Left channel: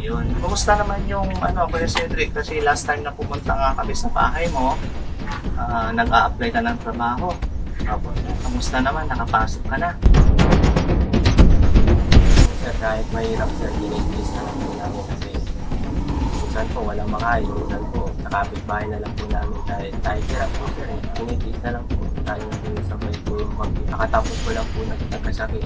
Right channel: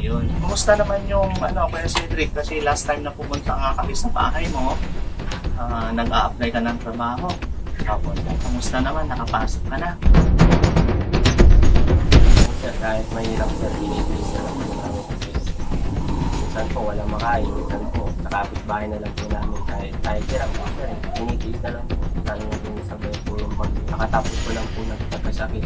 Ayun. Kumusta naman yung ano, Kuya Cedric? Kasi last time na pumunta nga kami sa bahay mo, ah, nag-a-apply ka ng trabaho. Sir. Kamusta naman? Nakapasok ka na? Sir, kahit mahirap sir, dinitiis na lang namin kasi minsan po walang makain, minsan po sa kapitbahay na lang po namin kahit kahit hirap po sir, eh. dinitiis na lang po. Lalo na po sabay po yung bagyo. Nakatapos ko lang po nagkakasakit.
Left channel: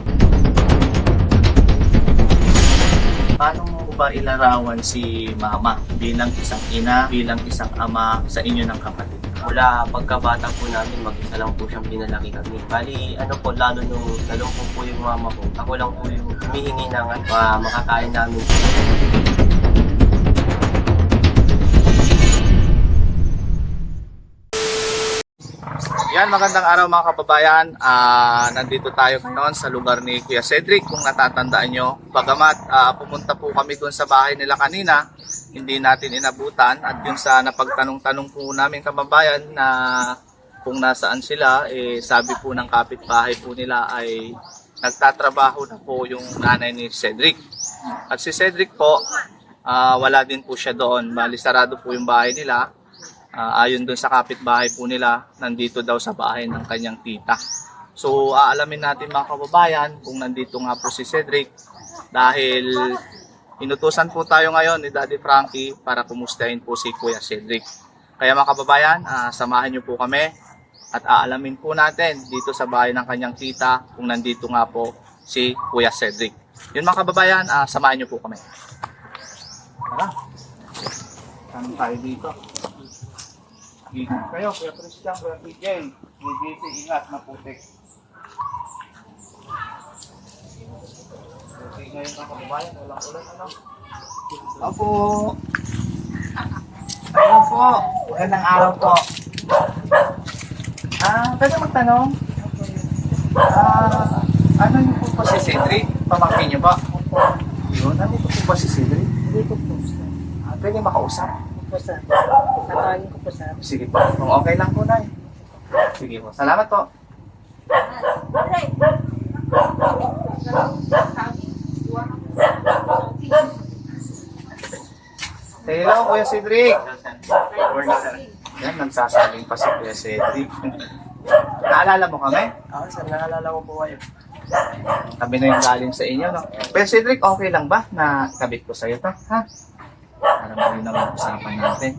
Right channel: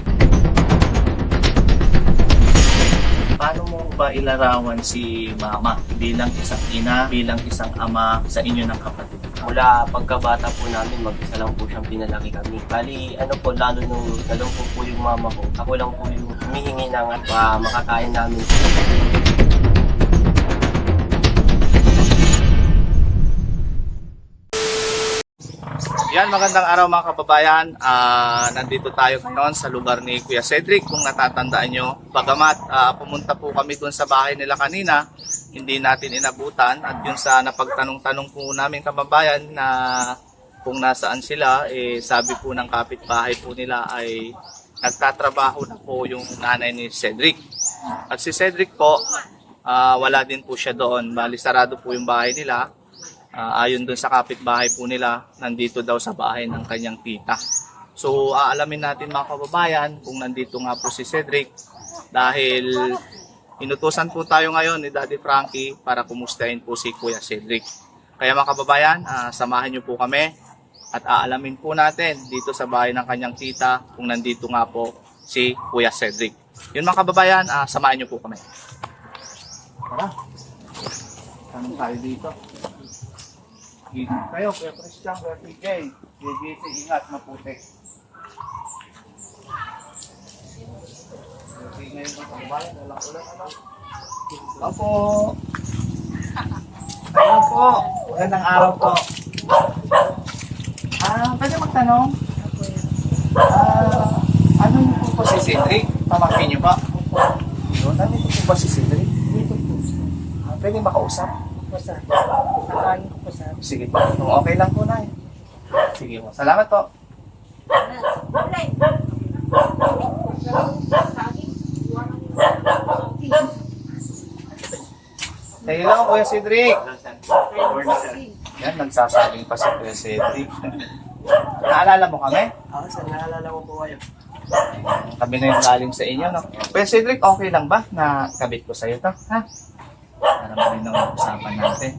Paano mo ba ilarawan si mama bilang isang ina, bilang isang ama sa inyo ng kapatid? Mula pagkabata po namin, mag-isa lang po siyang pinalaki kami. Bali, ano po, lalo nung nalungkot po yung mama ko, ako lang po yung humihingi ng at uh, makakain namin. Yan, magandang araw mga kababayan. Ah, nandito tayo ngayon sa lugar ni Kuya Cedric. Kung natatandaan nyo, bagamat ah, pumunta po kami doon sa bahay nila kanina, hindi natin inabutan. At yun sa napagtanong-tanong po namin kababayan na kung nasaan sila, eh, sabi po ng kapitbahay po nila ay nagtatrabaho na po yung nanay ni Cedric. At si Cedric po, ah, wala din po siya doon. Bali, sarado po yung bahay nila. Ah, ayon dun sa kapitbahay po nila, nandito daw sa bahay ng kanyang tita. So, aalamin natin mga kababayan kung nandito nga po si Cedric dahil inutusan po tayo ngayon ni Daddy Frankie para kumustahin po si Kuya Cedric. Kaya mga kababayan, ah, samahan niyo po kami at aalamin po natin dito sa bahay ng kanyang tita kung nandito nga po si Kuya Cedric. Yun mga kababayan, ah, samahan niyo po kami. Tara. Tanong tayo dito. Kayo, Kuya Christian, Kuya PJ. JJC, ingat, maputik. Kasi ngayon mga kababayan, walang ulan, ano? Opo. Ayun po. Magandang araw po. Ah, pwede magtanong? Ah, ano niyo po ba si Cedric? Pamangkin niyo ba? Yun, nandito po ba si Cedric? Dito po. Ah, pwede makausap? Po, sir. Nakain ko po, sir. Sige po. Kung okay lang po na Sige po. Salamat po. Hello, Kuya Cedric. Yan, nagsasabing pa si Kuya Cedric. Naalala mo kami? Ako sir, naalala ko po kayo. Kami na yung galing sa inyo, no? Kuya Cedric, okay lang ba na kabit ko sa'yo to? Ha? Para mo ang usapan natin.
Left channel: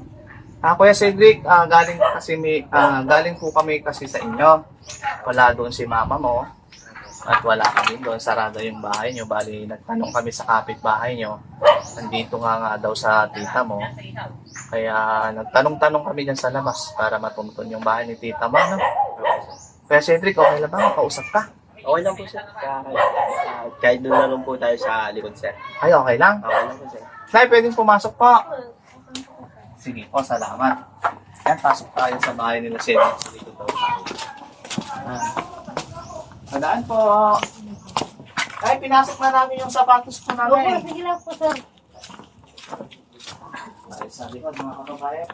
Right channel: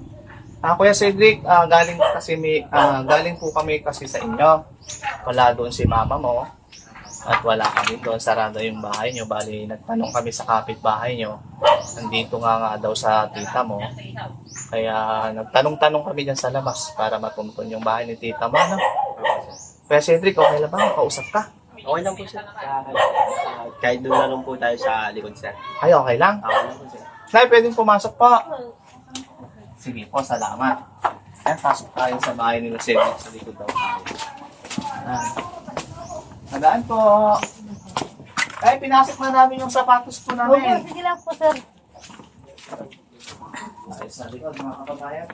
Ah, Kuya Cedric, ah, galing kasi may, ah, galing po kami kasi sa inyo. Wala doon si mama mo. At wala kami doon, sarado yung bahay nyo. Bali, nagtanong kami sa kapitbahay nyo. Nandito nga nga daw sa tita mo. Kaya nagtanong-tanong kami dyan sa labas para matuntun yung bahay ni tita mo. No? Kuya Cedric, okay lang ba? Makausap ka? Okay lang po sir. Kahit, ah, kahit doon na lang po tayo sa likod sir. Ay, okay lang. Okay lang po sir. Nay, pwedeng pumasok po. Sige po, salamat. Ayan, pasok tayo sa bahay nila Cedric sa likod daw tayo. Ah. Madaan po. Ay, pinasok na namin yung sapatos po Opo, namin. sige lang po, sir. Ay, sa likod, mga kababayan.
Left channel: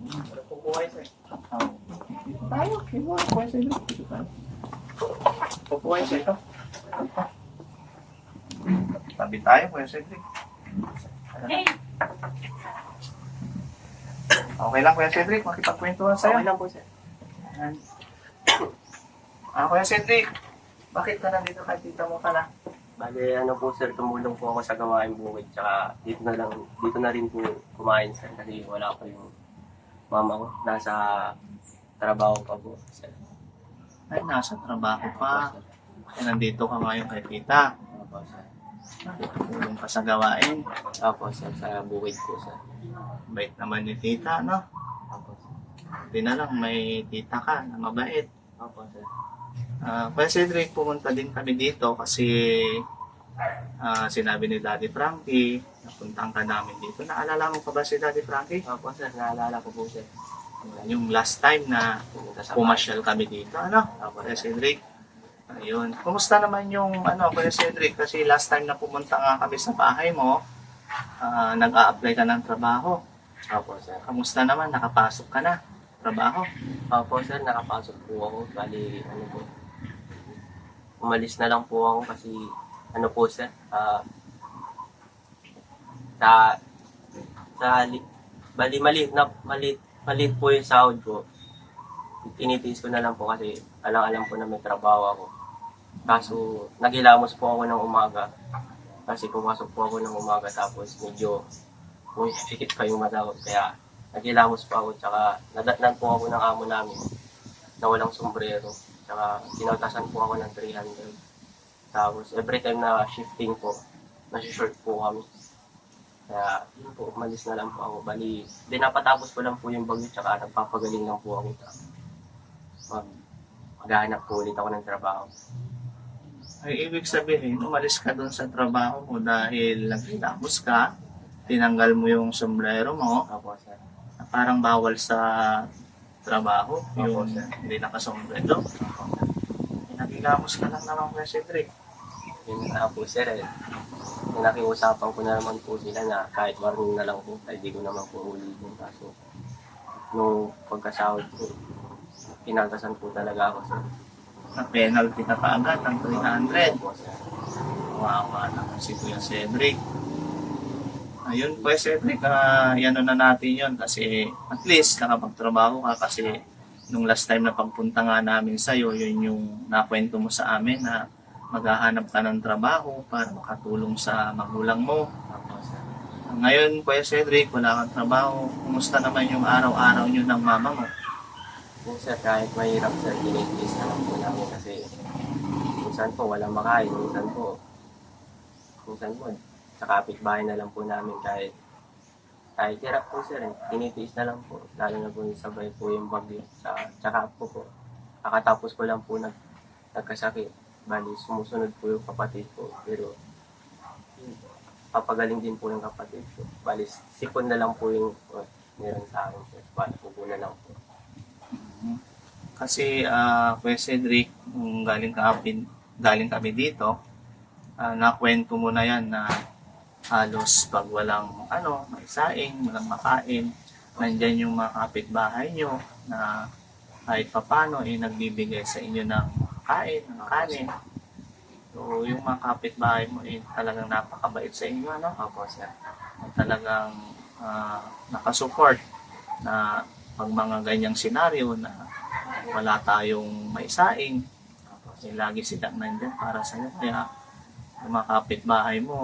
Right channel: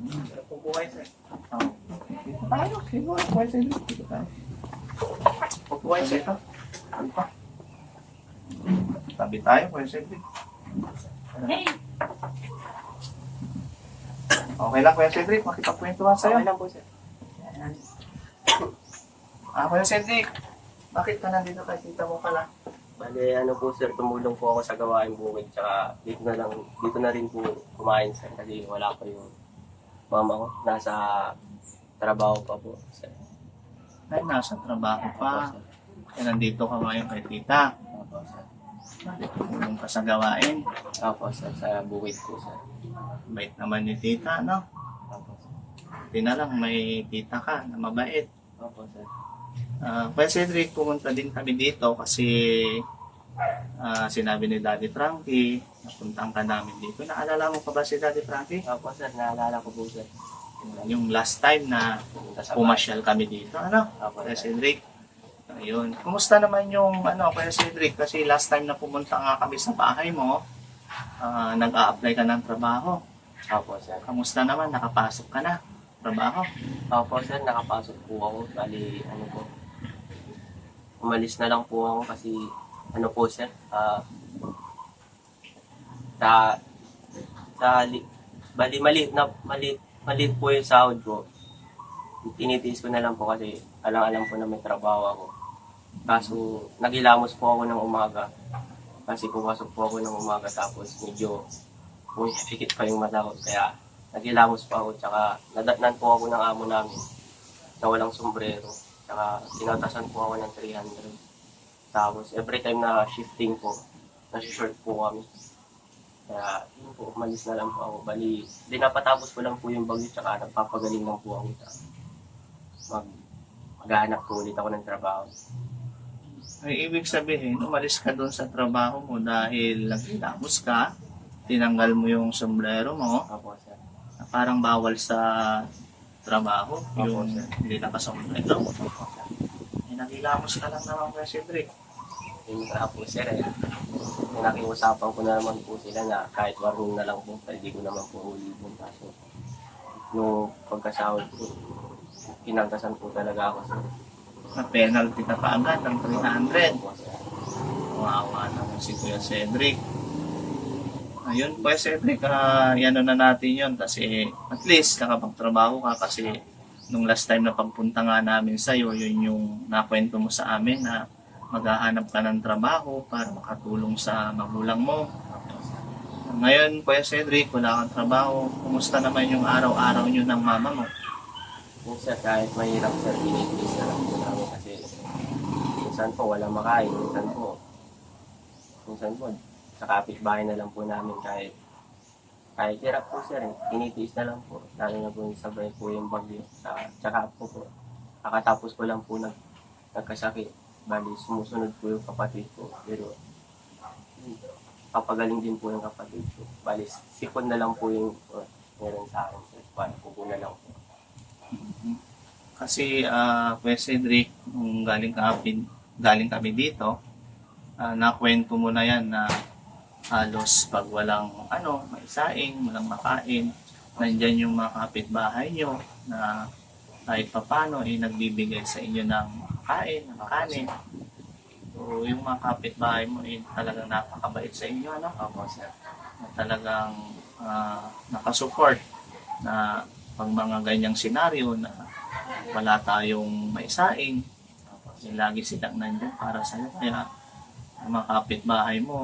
Hmm, po buhay, sir. Ah. Dito tayo, dito tayo, Cedric. Dito tayo. Pupuhay, sir. Ito. Tabi tayo, Kuya Cedric. Hey, Okay lang, Kuya Cedric. Makipagkwentuhan sa'yo. Okay lang po sir. Ayan. Ah, Kuya Cedric. Bakit ka nandito kay tita mo ka lang? Bale, ano po sir, tumulong po ako sa gawain bukid. Tsaka dito na lang, dito na rin po kumain sir. Kasi wala pa yung mama ko. Nasa trabaho pa po sir. Ay, nasa trabaho pa. Kaya nandito ka ngayon kay tita. Opo, sir. Tulong ka sa gawain. Opo sir, sa bukid po sir. Bait naman ni tita, no? Opo sir. Na lang, may tita ka na mabait. Opo sir. Ah, Kuya Cedric, pumunta din kami dito kasi ah, sinabi ni Daddy Frankie, napuntang ka namin dito. Naalala mo pa ba si Daddy Frankie? Opo sir, naalala ko po sir. Yung last time na pumasyal kami dito, ano? Opo Kuya. Cedric. Ayun. Kumusta naman yung ano, Kuya Cedric? Kasi last time na pumunta nga kami sa bahay mo, ah, nag-a-apply ka ng trabaho. Opo sir. Kamusta naman? Nakapasok ka na? Trabaho? Opo sir, nakapasok po ako. Bali, ano po. Umalis na lang po ako kasi ano po sir, ah, sa, sa, li, bali, maliit na, maliit, maliit po yung sahod ko. Tinitiis ko na lang po kasi alang-alam po na may trabaho ako. Kaso, naghilamos po ako ng umaga. Kasi pumasok po ako ng umaga tapos medyo hikit pa yung mata ko. Kaya, naghilamos po ako. Tsaka, nadatnan po ako ng amo namin na walang sombrero. Tsaka, kinatasan po ako ng 300. Tapos, every time na shifting po, nasi-short po kami. Kaya, yun po, umalis na lang po ako. Bali, dinapatapos ko lang po yung bagyo, tsaka nagpapagaling lang po ako. Mag, maghahanap po ulit ako ng trabaho. Ay, ibig sabihin, umalis ka doon sa trabaho mo dahil naghilamos ka, tinanggal mo yung sombrero mo, Opo, sir. na parang bawal sa trabaho, Opo, yung sir. hindi nakasombrero. Eh, Naghilamos ka lang naman kay Cedric. Yun nga po, sir. Eh. Nakiusapan ko na naman po sila na kahit warning na lang po, hindi ko naman po ulitin. Kaso, nung pagkasahod ko, pinagdasan po talaga ako, sir. Na penalty ka kaagad ng 300. Opo, sir. Wawa naman si Kuya Cedric. Ayun, Kuya Cedric, ah, yan na natin yun kasi at least nakapagtrabaho ka kasi nung last time na pagpunta nga namin sa'yo, yun yung nakwento mo sa amin na maghahanap ka ng trabaho para makatulong sa magulang mo. Ngayon, Kuya Cedric, wala kang trabaho. Kumusta naman yung araw-araw nyo ng mama mo? Yung sir, kahit mahirap, sir, tinitiis na lang po namin kasi minsan po walang makain, minsan po, minsan po, sa kapitbahay na lang po namin kahit kahit hirap po sir, tinitiis na lang po. Lalo na po yung sabay po yung bagyo. Sa, tsaka po po, kakatapos ko lang po nag, nagkasakit. Bali, sumusunod po yung kapatid ko. Pero, papagaling din po yung kapatid ko. Bali, sipon na lang po yung uh, meron sa akin. Sir. Bali, pupunan lang po. Kasi, ah, Kuya Cedric, nung galing kami, galing kami dito, ah, nakwento mo na yan na halos pag walang ano, maisaing, walang makain, nandyan yung mga kapitbahay nyo na kahit papano eh, nagbibigay sa inyo ng kain, ng kanin. So, yung mga kapitbahay mo eh, talagang napakabait sa inyo, ano? Opo, sir. na talagang ah, nakasupport na pag mga ganyang senaryo na wala tayong maisaing, eh, lagi silang nandiyan para sa'yo. Kaya ang mga kapitbahay mo,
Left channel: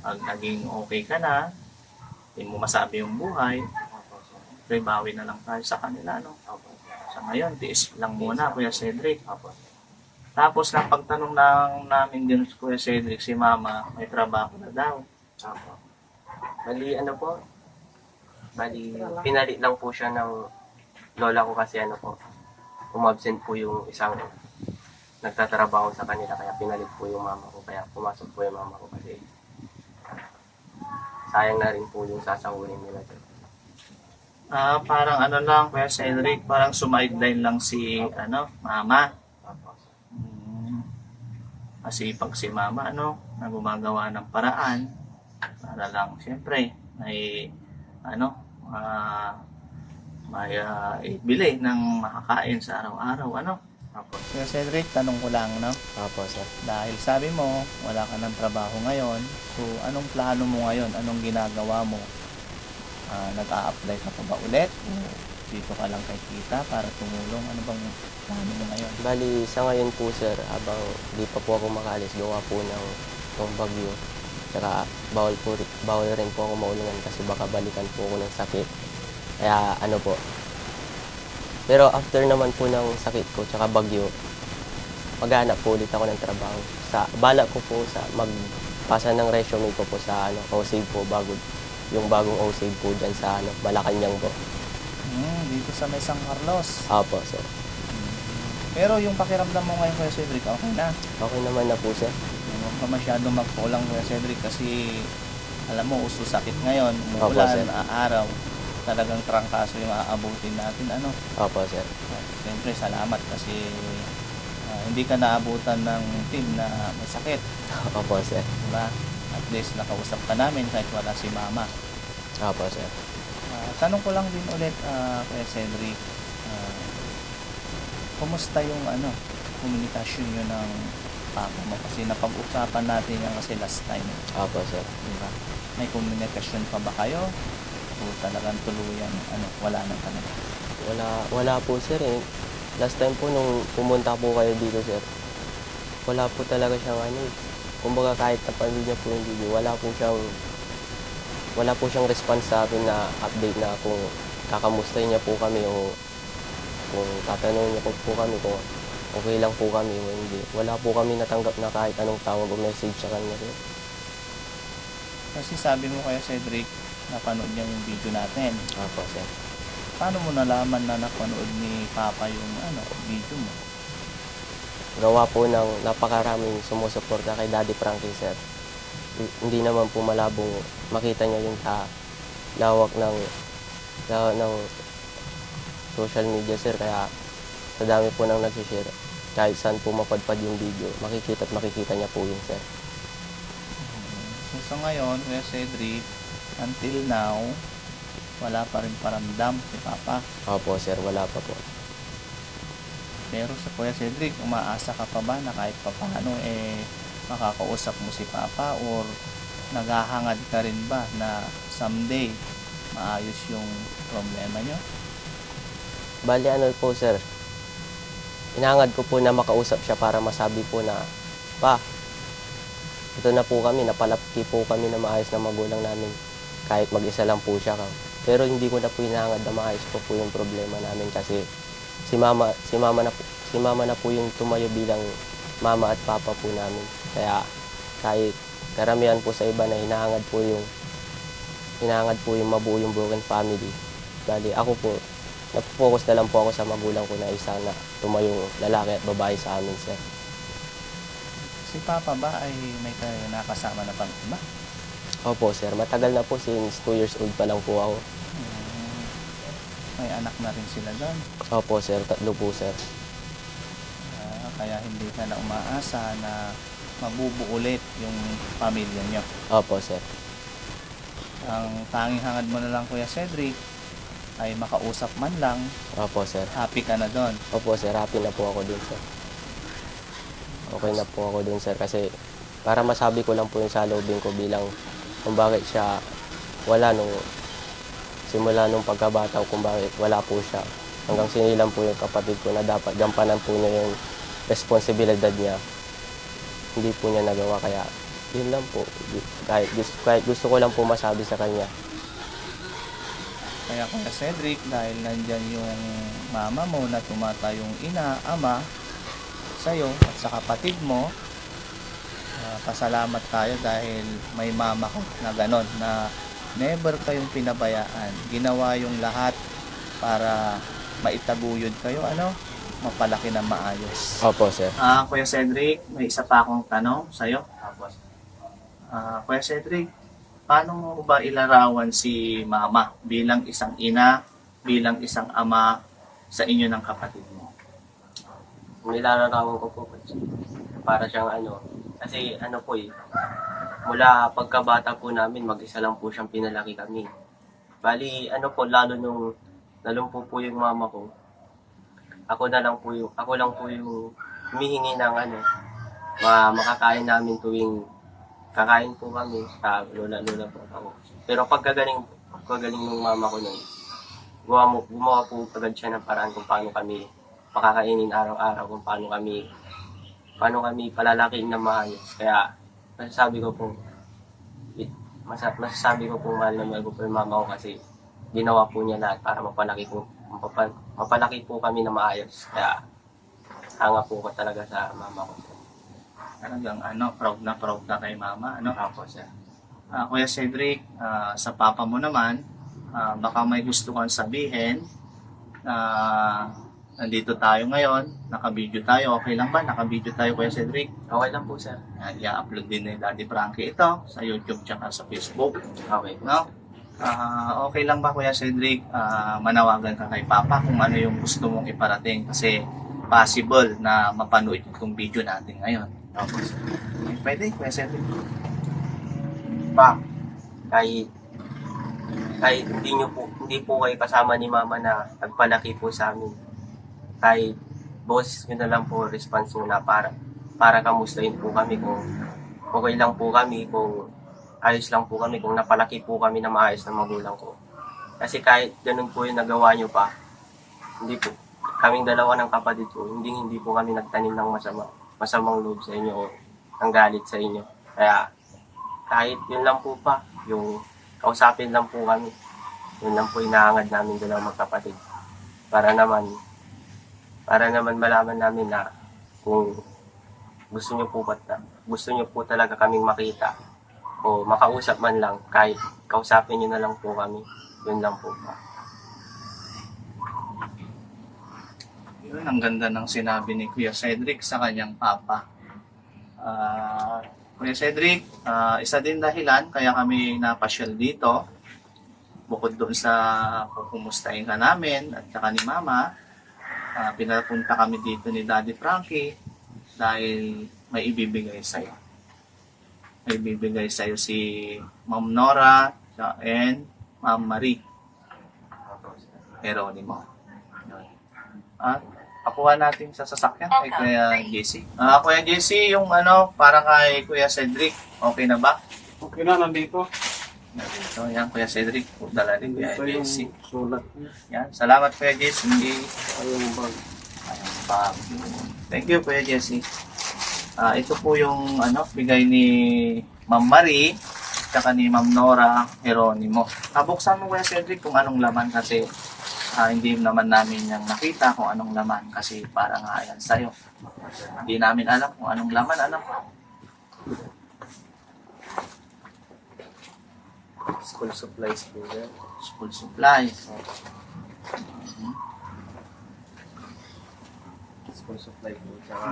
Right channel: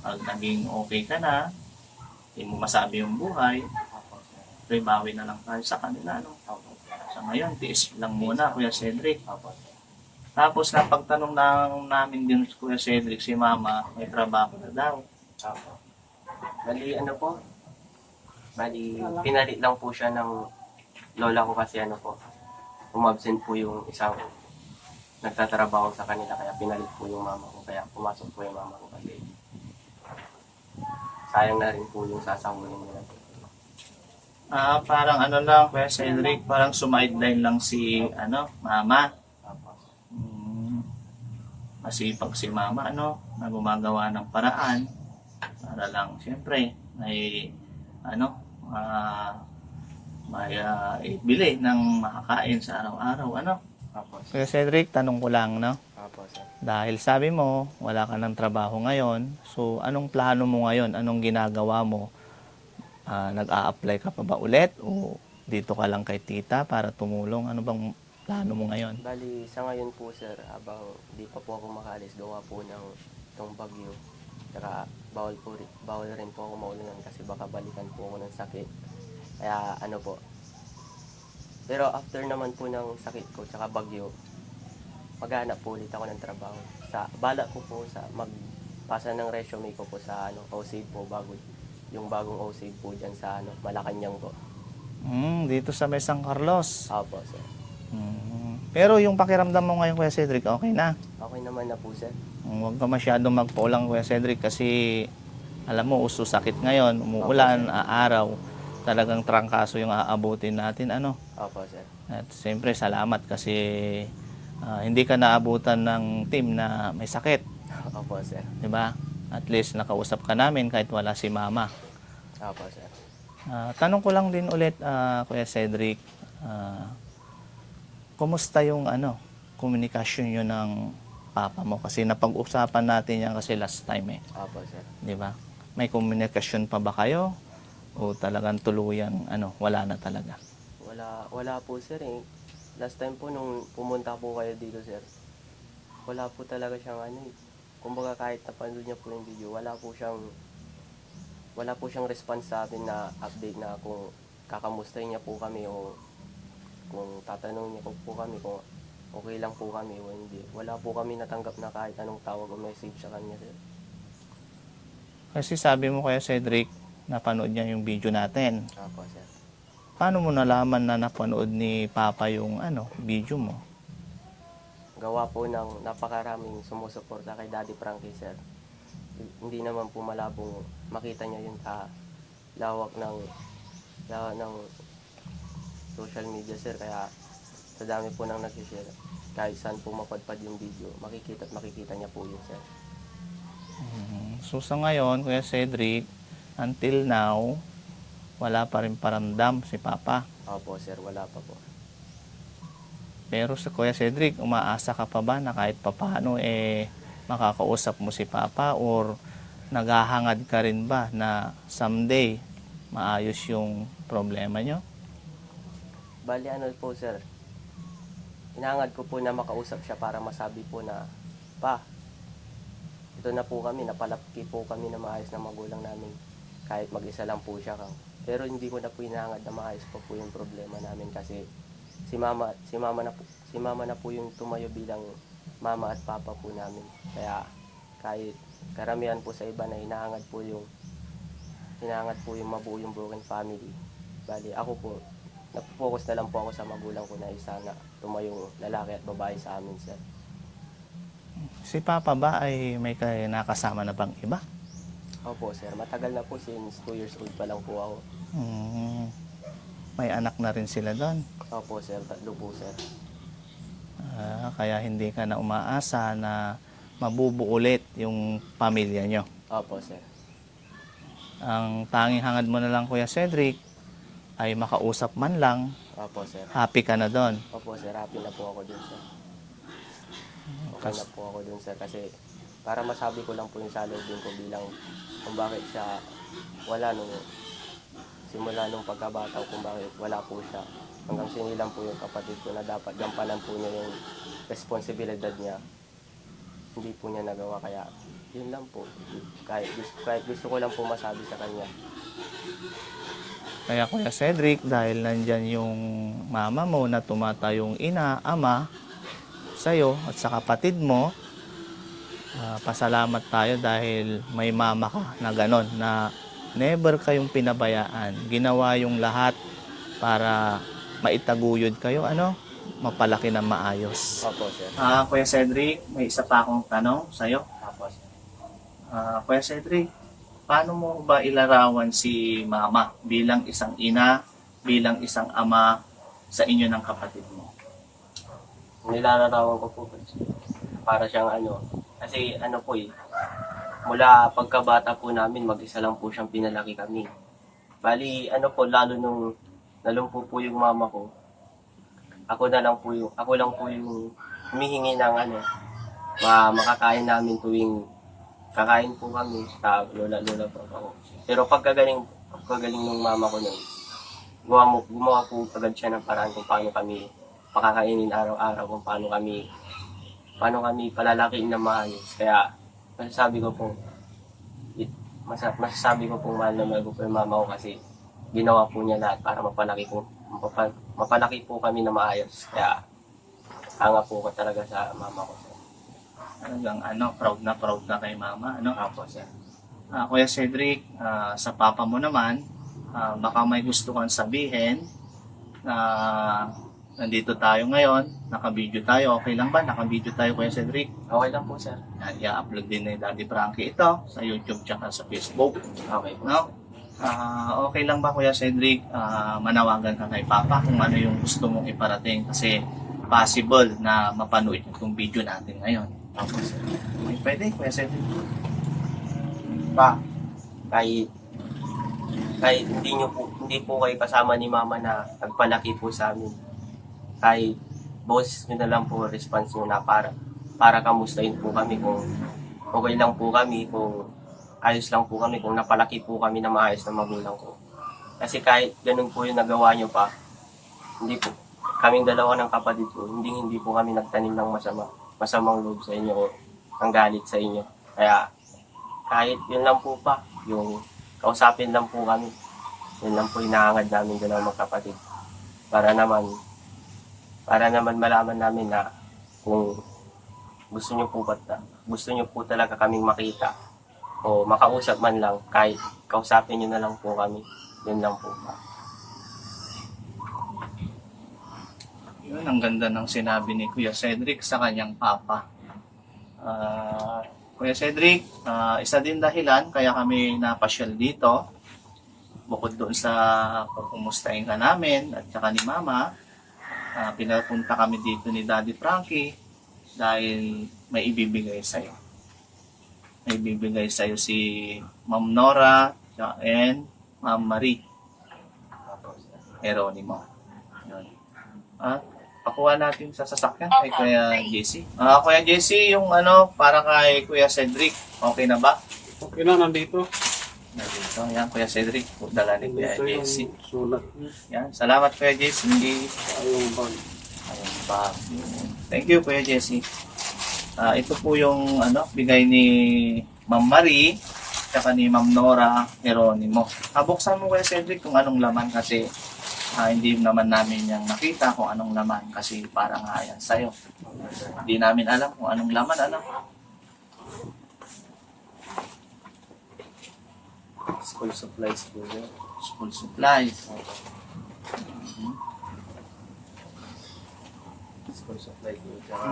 pag naging okay ka na, hindi mo masabi yung buhay, pre bawi na lang tayo sa kanila. No? Sa ngayon, tiis lang muna, Kuya Cedric. Tapos napagtanong lang namin din Kuya Cedric, si Mama, may trabaho na daw. Bali, ano po? Bali, pinalit lang po siya ng lola ko kasi ano po, umabsent po yung isang nagtatrabaho sa kanila kaya pinalit po yung mama ko kaya pumasok po yung mama ko kasi sayang na rin po yung sasahurin nila. Ah, parang ano lang, Kuya Cedric, parang sumideline lang si, ano, Mama. Opo. Mm, kasi pag si Mama, ano, na gumagawa ng paraan para lang, siyempre, may, ano, ah, may ah, ibili ng makakain sa araw-araw, ano. Opo. Kuya Cedric, tanong ko lang, no? Opo, sir. Dahil sabi mo, wala ka ng trabaho ngayon, so anong plano mo ngayon? Anong ginagawa mo? Ah, nag-a-apply ka pa ba ulit? O dito ka lang kay tita para tumulong? Ano bang plano mo ngayon? Bali, sa ngayon po sir, habang di pa po ako makalis, gawa po ng ng bagyo. Tsaka bawal, po, bawal rin po ako maulingan kasi baka balikan po ako ng sakit. Kaya ano po. Pero after naman po ng sakit ko, tsaka bagyo, maghanap po ulit ako ng trabaho. Sa, bala ko po sa magpasa ng resume ko po sa ano, OSAVE po bago yung bagong OSAVE po dyan sa ano, Malacanang po. Hmm, dito sa may San Carlos. Apo, sir. Hmm. Pero yung pakiramdam mo ngayon, Kuya Cedric, okay na. Okay naman na po, sir. Huwag ka masyadong magkulang, Kuya Cedric, kasi alam mo, uso sakit ngayon, Opo, umuulan, sir. aaraw, talagang trangkaso yung aabutin natin, ano. Opo, sir. At Siyempre, salamat kasi ah, hindi ka naabutan ng team na may sakit, Opo, sir. di ba? At least nakausap ka namin kahit wala si mama. Opo, sir. Ah, tanong ko lang din ulit, ah, Kuya Cedric, ah, kumusta yung ano, komunikasyon nyo ng papa mo? Kasi napag-usapan natin yan kasi last time eh. Opo, sir. Di ba? May komunikasyon pa ba kayo? O talagang tuluyan, ano, wala na talaga? Wala, wala po, sir. Eh. Last time po nung pumunta po kayo dito, sir, wala po talaga siyang ano eh. Kumbaga kahit napanood niya po yung video, wala po siyang wala po siyang response sa akin na update na kung kakamustahin niya po kami o kung tatanungin niya po, po kami kung okay lang po kami o hindi. Wala po kami natanggap na kahit anong tawag o message sa kanya. Sir. Kasi sabi mo kaya Cedric, napanood niya yung video natin. Opo, sir. Paano mo nalaman na napanood ni Papa yung ano, video mo? gawa po ng napakaraming sumusuporta kay Daddy Frankie sir. Hindi naman po malabong makita niya yung sa lawak ng lawak ng social media sir kaya sa dami po nang nagsishare kahit saan po mapadpad yung video makikita at makikita niya po yun sir. So sa ngayon, Kuya Cedric, until now, wala pa rin paramdam si Papa. Opo sir, wala pa po. Pero sa Kuya Cedric, umaasa ka pa ba na kahit papano eh makakausap mo si Papa or naghahangad ka rin ba na someday maayos yung problema nyo? Bali ano po sir, inangad ko po na makausap siya para masabi po na, pa, ito na po kami, napalapki po kami na maayos na magulang namin kahit mag-isa lang po siya. Pero hindi ko na po inangad na maayos po po yung problema namin kasi si mama, si mama na si mama na po yung tumayo bilang mama at papa po namin. Kaya kahit karamihan po sa iba na hinahangad po yung hinahangad po yung mabuo yung broken family. Bali ako po, nag-focus na lang po ako sa magulang ko na isa na tumayong lalaki at babae sa amin, sir. Si Papa ba ay may kay nakasama na pang iba? Opo, sir. Matagal na po since 2 years old pa lang po ako. Hmm, may anak na rin sila doon. Opo, sir. Tatlo po, sir. Ah, kaya hindi ka na umaasa na mabubuo ulit yung pamilya nyo. Opo, sir. Ang tanging hangad mo na lang Kuya Cedric ay makausap man lang, Opo, sir. happy ka na doon. Opo, sir. Happy na po ako dun, sir. Okay na po ako dun, sir. Kasi para masabi ko lang po yung salubin ko bilang kung bakit siya wala nung simula nung pagkabata kung bakit wala po siya. Hanggang sinilang po yung kapatid ko na dapat gampanan po niya yung responsibilidad niya. Hindi po niya nagawa kaya yun lang po. Kahit, gusto, kahit gusto ko lang po masabi sa kanya. Kaya Kuya Cedric, dahil nandyan yung mama mo na tumatayong ina, ama, sa'yo at sa kapatid mo, ah, pasalamat tayo dahil may mama ka na ganon, na never kayong pinabayaan. Ginawa yung lahat para maitaguyod kayo, ano, mapalaki ng maayos. Opo, sir. Ah, Kuya Cedric, may isa pa akong tanong sa'yo. Opo, Ah, Kuya Cedric, paano mo ba ilarawan si mama bilang isang ina, bilang isang ama sa inyo ng kapatid mo? nilalarawan ko po para siyang ano kasi ano po eh mula pagkabata po namin mag-isa lang po siyang pinalaki kami. Bali ano po lalo nung nalumpo po yung mama ko ako na lang po yung ako lang po yung humihingi ng ano ma makakain namin tuwing kakain po kami sa lola lola po ako. Pero pagkagaling pagkagaling ng mama ko nun gumawa, gumawa po agad siya ng paraan kung paano kami pakakainin araw-araw kung paano kami paano kami palalakiin na maayos. Kaya masasabi ko po it, masa, masasabi ko po mahal na mahal ko po yung mama ko kasi ginawa po niya lahat para mapalaki po mapapa, mapalaki po kami na maayos. Kaya hanga po ko talaga sa mama ko. Talagang ano, proud na proud na kay mama, ano? Ako sir. Ah, Kuya Cedric, ah, sa papa mo naman, ah, baka may gusto kang sabihin na nandito tayo ngayon, naka-video tayo, okay lang ba? Naka-video tayo Kuya Cedric. Okay lang po sir. Yan, i-upload din ni Daddy Frankie ito sa YouTube tsaka sa Facebook. Okay po. No? Ah, okay lang ba Kuya Cedric ah, manawagan ka kay Papa kung ano yung gusto mong iparating kasi possible na mapanood yung video natin ngayon. Ako sir. Ay, pwede Kuya Cedric. pa kahit kahit hindi nyo po hindi po kayo kasama ni mama na nagpalaki po sa amin kahit boss yun na lang po response nyo na para para kamustahin po kami kung okay lang po kami, kung ayos lang po kami, kung napalaki po kami na maayos na magulang ko. Kasi kahit ganun po yung nagawa nyo pa, hindi po, kaming dalawa ng kapatid ko, hindi hindi po kami nagtanim ng masama, masamang loob sa inyo o ng galit sa inyo. Kaya kahit yun lang po pa, yung kausapin lang po kami, yun lang po inaangad namin dalawang magkapatid. Para naman, para naman malaman namin na kung gusto nyo po ba, gusto nyo po talaga kaming makita o makausap man lang, kahit kausapin nyo na lang po kami, yun lang po pa. Yun, ang ganda ng sinabi ni Kuya Cedric sa kanyang papa. Ah, Kuya Cedric, ah, isa din dahilan kaya kami napasyal dito. Bukod doon sa pupumustahin ka namin at saka ni Mama, ah, pinapunta kami dito ni Daddy Frankie dahil may ibibigay sa'yo. May ibibigay sa'yo si Ma'am Nora and Ma'am Marie Geronimo. Yun. At pakuha natin sa sasakyan kay Kuya JC. Ah, Kuya JC, yung ano, para kay Kuya Cedric, okay na ba? Okay na, nandito. Nandito, yan, Kuya Cedric, dala ni Kuya JC. sulat niya. Yan, salamat Kuya JC. Ayong bag. Ayun pa. Thank you, Kuya Jesse. Ah, ito po yung ano, bigay ni Ma'am Marie tsaka ni Ma'am Nora Geronimo. Ah, buksan mo Kuya Cedric kung anong laman kasi ah, hindi naman namin yung nakita kung anong laman kasi para nga yan sa'yo. Hindi namin alam kung anong laman, ano. School supplies po yan. School supplies. School supply po. Tsaka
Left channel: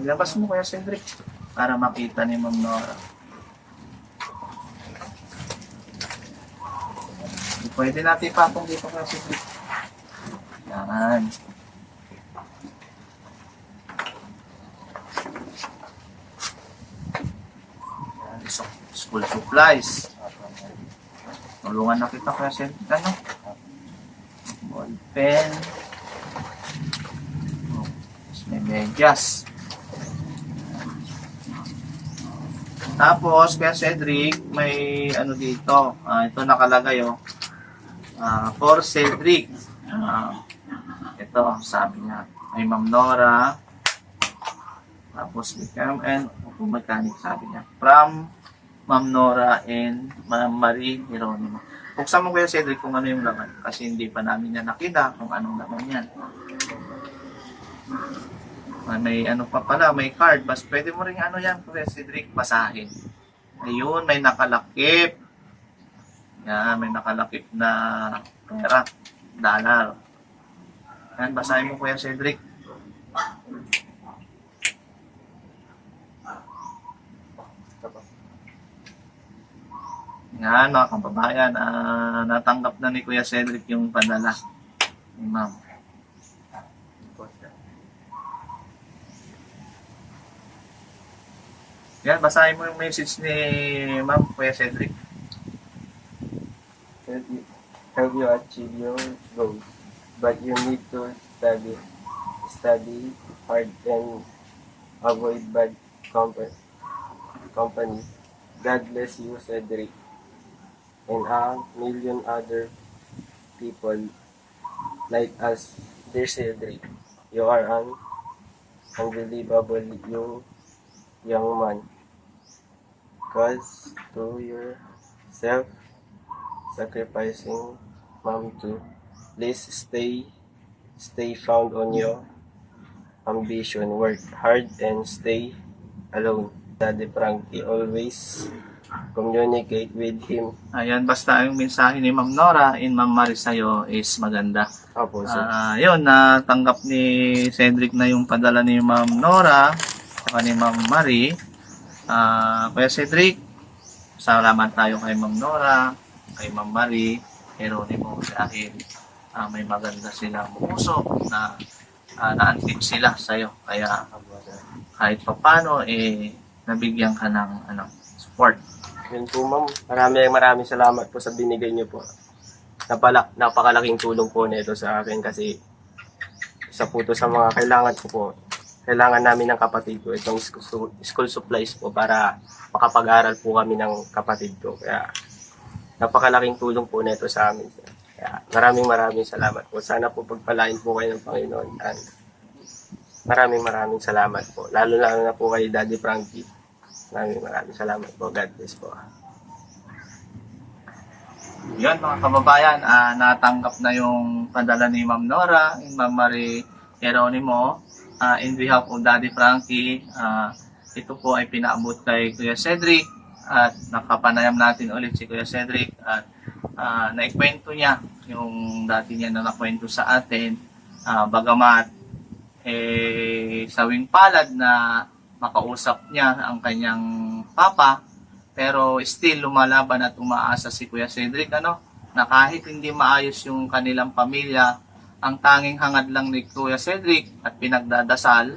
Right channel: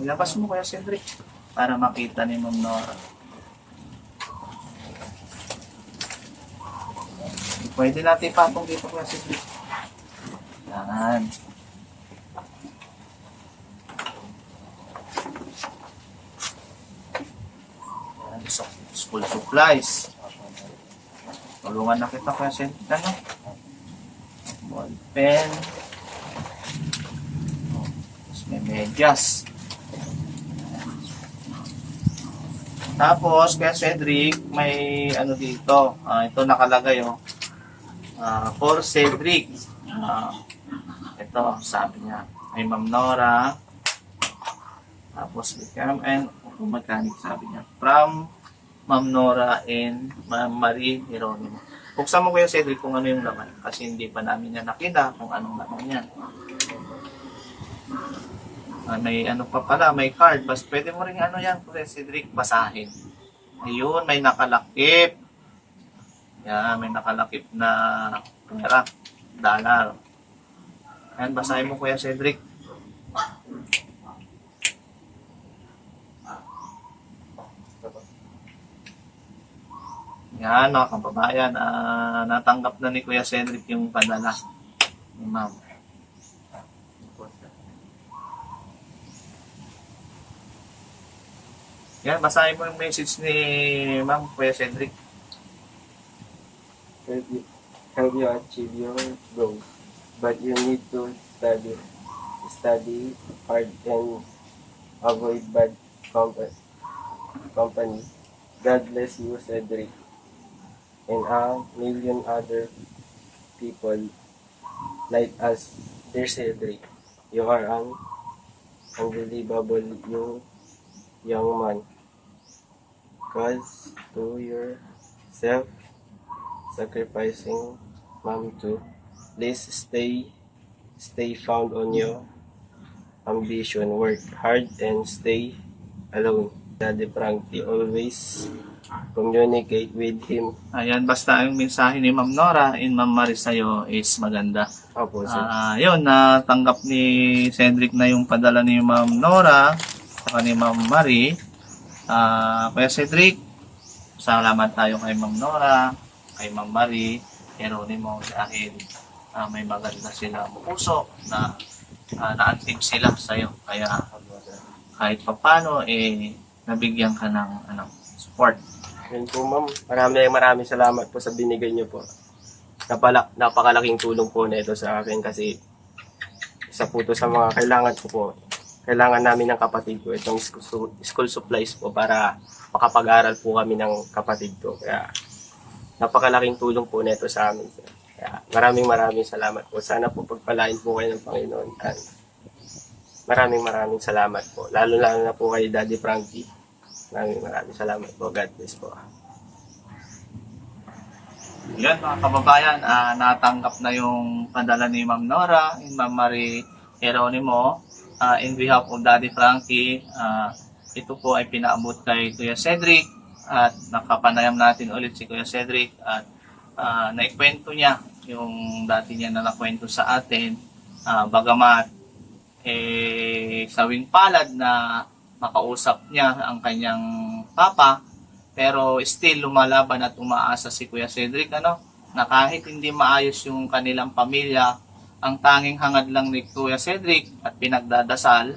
Ilabas mo Kuya Cedric para makita ni Ma'am Nora. Pwede natin ipatong dito Kuya Cedric. Yan. School supplies. Tulungan na kita Kuya Cedric. Ano? Ball pen. Oh, may medyas. Tapos, kaya Cedric, may ano dito. ah, ito nakalagay, oh. Ah, for Cedric. Ah, ito, sabi niya. May Ma'am Nora. Tapos, become and mechanic, sabi niya. From Ma'am Nora and Ma'am Marie Geronimo. Buksan mo kaya Cedric kung ano yung laman. Kasi hindi pa namin yan nakita kung anong laman yan. Ah, may ano pa pala, may card. Bas, pwede mo rin ano yan, Kuya Cedric, basahin. Ayun, may nakalakip. Yan, may nakalakip na pera, dollar. Yan, basahin mo Kuya Cedric. Yan, mga kababayan, ah, natanggap na ni Kuya Cedric yung padala ni Ma'am. Yan, basahin mo yung message ni Ma'am Kuya Cedric. help you, achieve your goals. But you need to study, study hard and avoid bad compa- company. God bless you, Cedric, and a million other people like us. Dear Cedric, you are an unbelievable young, young man. Cause to yourself sacrificing mom too. Please stay stay found on your ambition. Work hard and stay alone. Daddy Frankie always communicate with him. Ayan, basta ang mensahe ni Ma'am Nora in Ma'am Marie sa'yo is maganda. Opo, sir. Ah, yun, natanggap ni Cedric na yung padala ni Ma'am Nora at ni Ma'am Marie. Ah, Kuya Cedric, salamat tayo kay Ma'am Nora, kay Ma'am Marie, Geronimo dahil ah, may maganda silang puso na uh, naantim sila sa'yo. Kaya kahit papano, eh, nabigyan ka ng ano, support. Yun po, ma'am. Maraming maraming salamat po sa binigay niyo po. Napala, napakalaking tulong po na ito sa akin kasi isa po to sa mga kailangan ko po kailangan namin ng kapatid ko itong school, supplies po para makapag-aral po kami ng kapatid ko. Kaya napakalaking tulong po nito sa amin. Kaya maraming maraming salamat po. Sana po pagpalain po kayo ng Panginoon. And maraming maraming salamat po. Lalo lalo na po kay Daddy Frankie. Maraming maraming salamat po. God bless po. Yun mga kababayan, ah, natanggap na yung padala ni Ma'am Nora, ni Ma'am Marie Geronimo, ah, in behalf of Daddy Frankie. ah, ito po ay pinaabot kay Kuya Cedric at nakapanayam natin ulit si Kuya Cedric at ah, naikwento niya yung dati niya na nakwento sa atin. Ah, bagamat eh, sawing palad na makausap niya ang kanyang papa, pero still lumalaban at umaasa si Kuya Cedric ano? Na kahit hindi maayos yung kanilang pamilya ang tanging hangad lang ni Kuya Cedric at pinagdadasal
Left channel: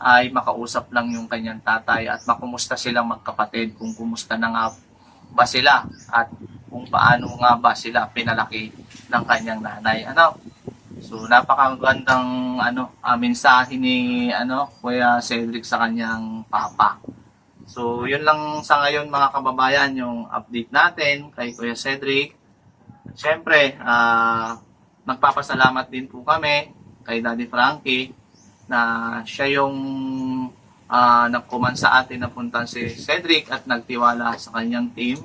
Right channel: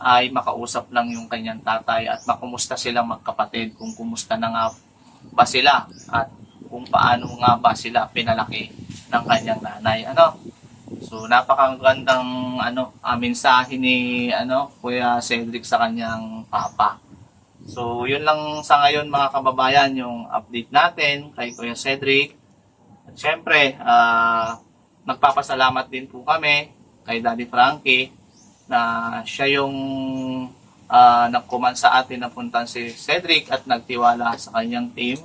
ay makausap lang yung kanyang tatay at makumusta silang magkapatid kung kumusta na nga ba sila at kung paano nga ba sila pinalaki ng kanyang nanay ano so napakagandang ano ah, mensahe ni ano Kuya Cedric sa kanyang papa So, yun lang sa ngayon mga kababayan, yung update natin kay Kuya Cedric. At syempre, ah, nagpapasalamat din po kami kay Daddy Frankie na siya yung ah, nagkuman sa atin na puntan si Cedric at nagtiwala sa kanyang team.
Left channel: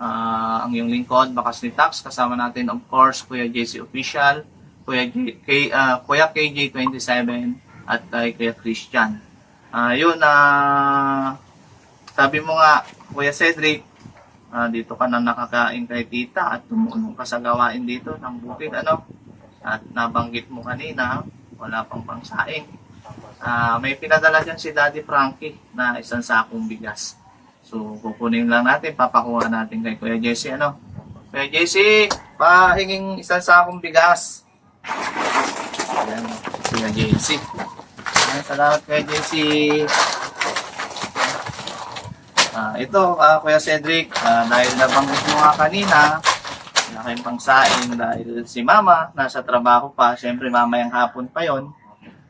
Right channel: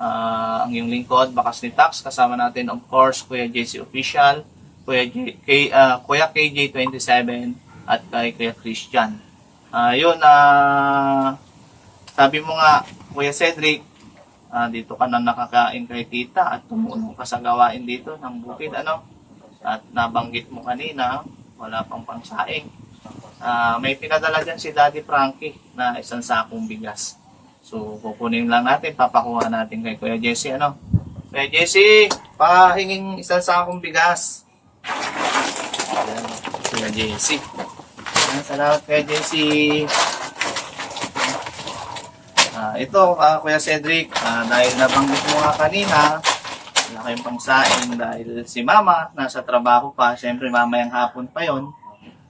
Ah, ang yung lingkod, Bakas ni Tax, kasama natin of course, Kuya JC Official, Kuya, J, K, ah, Kuya KJ27 at kay Kuya Christian. Ah, yun na sabi mo nga, Kuya Cedric, ah, dito ka na nakakain kay tita at tumulong ka sa gawain dito ng bukid, ano? At nabanggit mo kanina, wala pang pangsaing. Ah, may pinadala dyan si Daddy Frankie na isang sakong bigas. So, kukunin lang natin, papakuha natin kay Kuya Jesse, ano? Kuya Jesse, pahinging isang sakong bigas. Ayan, Kuya Jesse. Ayan, Salamat Kuya Jesse. Ah, ito, ah, Kuya Cedric, ah, dahil nabanggit mo nga kanina, wala kayong pangsaing dahil si Mama nasa trabaho pa, siyempre mamayang hapon pa yon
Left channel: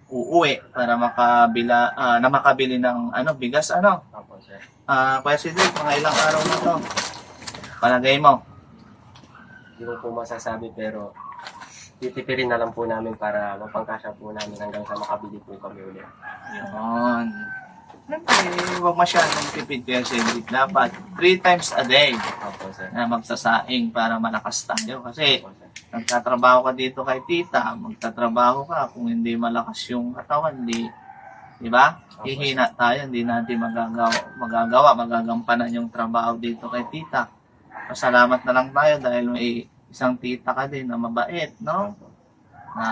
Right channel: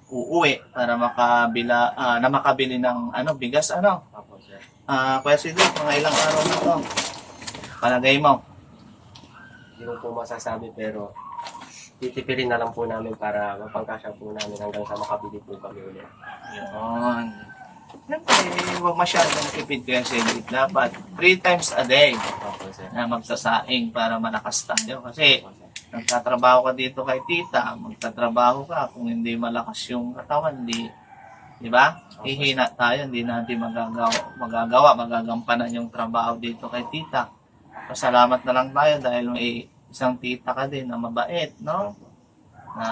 uuwi para makabila, ah, na makabili ng ano, bigas, ano. Sir. Ah, Kuya Cedric, mga ilang araw na to. Palagay mo. Hindi ko po masasabi pero titipirin na lang po namin para mapangkasya po namin hanggang sa makabili po kami ulit. Yun. Siyempre, huwag masyadong tipid Kuya Cedric. Dapat three times a day Opo, sir. na magsasaing para malakas tayo. Kasi Opo, sir. nagtatrabaho ka dito kay tita, magtatrabaho ka, kung hindi malakas yung katawan, di, di ba? Hihina tayo, hindi natin magagawa, magagawa, magagampanan yung trabaho dito kay tita. Pasalamat na lang tayo dahil may isang tita ka din na mabait, no? Na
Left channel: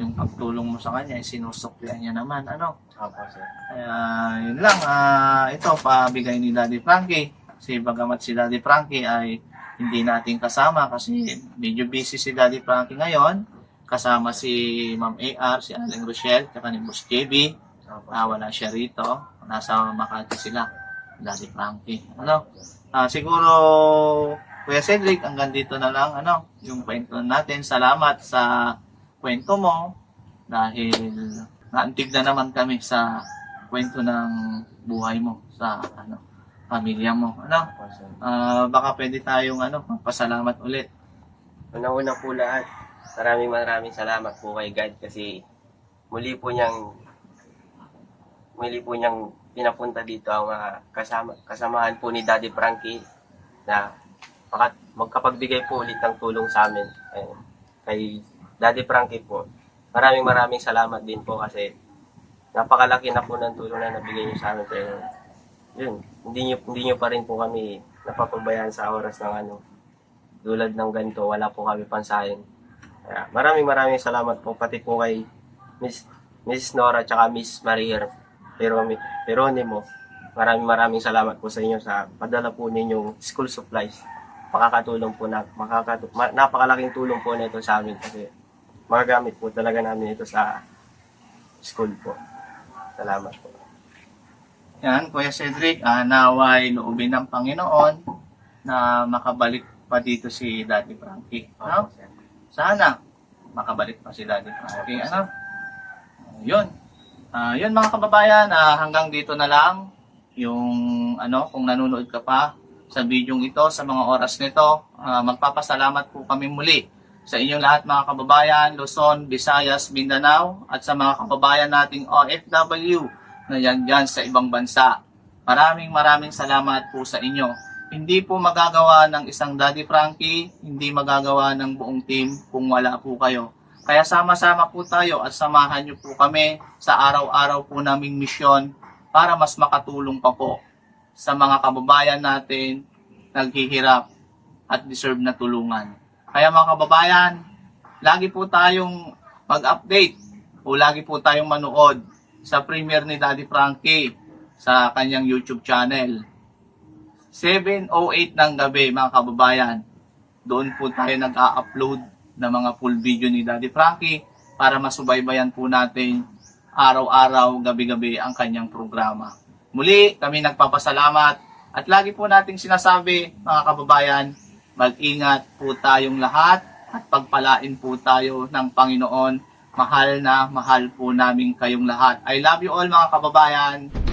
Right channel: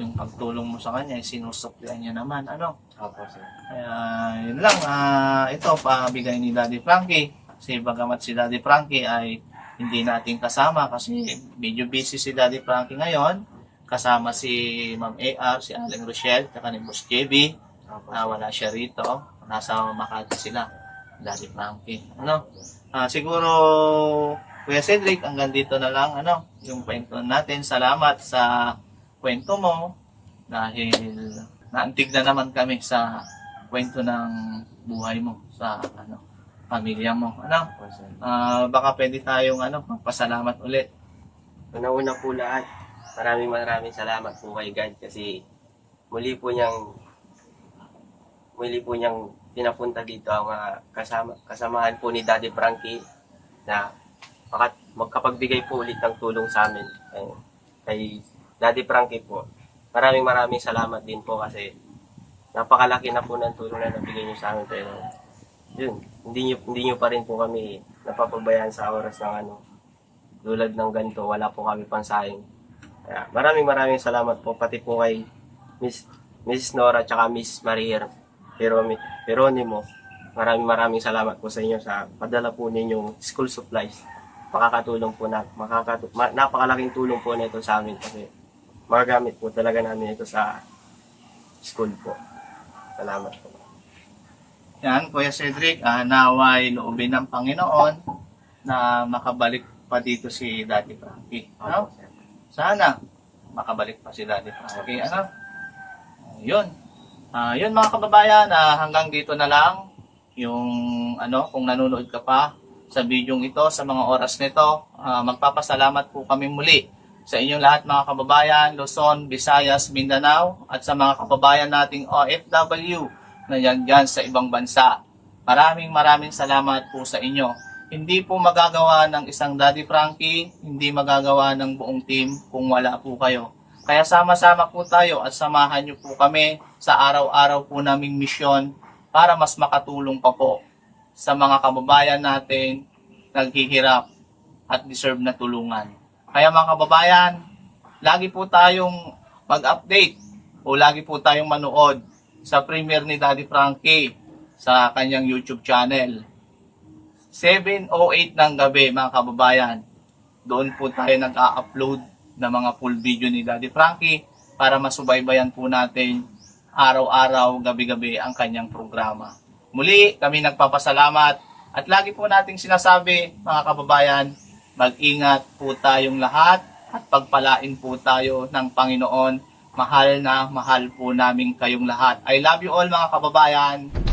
yung pagtulong mo sa kanya, sinusuklian niya naman, ano? Opo, sir. Kaya yun lang, ah, ito pabigay ni Daddy Frankie. Kasi bagamat si Daddy Frankie ay hindi natin kasama kasi medyo busy si Daddy Frankie ngayon. Kasama si Ma'am AR, si Aling Rochelle, at ni Boss JB. Opo, Ah, wala siya rito. Nasa Makati sila. Daddy Frankie. Ano? Ah, siguro, Kuya Cedric, hanggang dito na lang, ano, yung kwento natin. Salamat sa kwento mo dahil naantig na naman kami sa kwento ng buhay mo sa ano pamilya mo. Ano? Ah, baka pwede tayong ano, magpasalamat ulit. Una-una po lahat, maraming maraming salamat po kay God kasi muli po niyang muli po niyang pinapunta dito ang mga kasama, kasamahan po ni Daddy Frankie na makat, magkapagbigay po ulit ng tulong sa amin. Ayun. Kay Daddy Frankie po, maraming maraming salamat din po kasi napakalaki na po ng tulong na nabigay niyo sa amin. Pero yun, hindi niyo, hindi niyo pa rin po kami napapabayaan sa oras ng ano, tulad ng ganito, wala po kami pansahin. Kaya maraming maraming salamat po pati po kay Miss Miss Nora at Miss Maria pero Peronimo. Maraming maraming salamat po sa inyo sa padala po ninyong school supplies. Makakatulong po na makakatu ma- napakalaking tulong po nito sa amin kasi magagamit po talaga namin ito sa school po. Salamat po. Yan, Kuya Cedric, ah, naway loobin ng Panginoon na makabalik pa dito si Daddy Frankie. No? Sana makabalik pa si Daddy Frankie. Ano? Yun. Ah, yun mga kababayan, ah, hanggang dito na lang yung ano, kung nanonood ka pa sa bidyong ito, sa mga oras nito, ah, magpapasalamat po kami muli sa inyong lahat mga kababayan, Luzon, Visayas, Mindanao, at sa mga kababayan nating OFW na yan dyan sa ibang bansa. Maraming maraming salamat po sa inyo. Hindi po magagawa ng isang Daddy Frankie, hindi magagawa ng buong team kung wala po kayo. Kaya sama-sama po tayo at samahan niyo po kami sa araw-araw po naming misyon para mas makatulong pa po sa mga kababayan natin naghihirap at deserve na tulungan. Kaya mga kababayan, lagi po tayong mag-update o lagi po tayong manood sa premiere ni Daddy Frankie sa kanyang YouTube channel. 7.08 ng gabi mga kababayan. Doon po tayo nag-a-upload ng mga full video ni Daddy Frankie para masubaybayan po natin araw-araw, gabi-gabi ang kanyang programa. Muli, kami nagpapasalamat at lagi po nating sinasabi mga kababayan, mag-ingat po tayong lahat at pagpalain po tayo ng Panginoon. Mahal na mahal po namin kayong lahat. I love you all mga kababayan.